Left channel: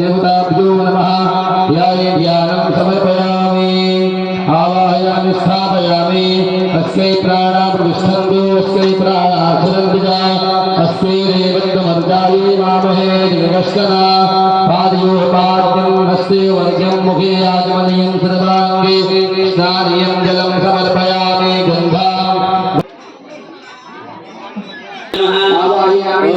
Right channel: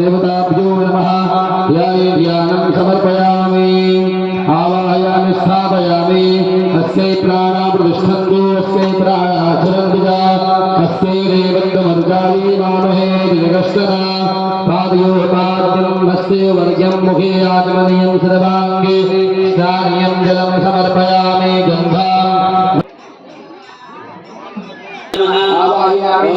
देवताभ्यो नमः। ध्यानं समर्पयामि आवाहयामि स्थापयामि अस्यै प्राणा प्रतिष्ठन्तु अस्यै प्राणाक्षरन्तु च अस्यै रेवन्तमर्जाली मामहे जगश्चना पादयोपाद्यम् अस्यै वर्ग्यं मुखे आत्मनीयं सर्वाङ्गे स्नानीयं जलं समर्पयामि गन्धाम् आवाहयामि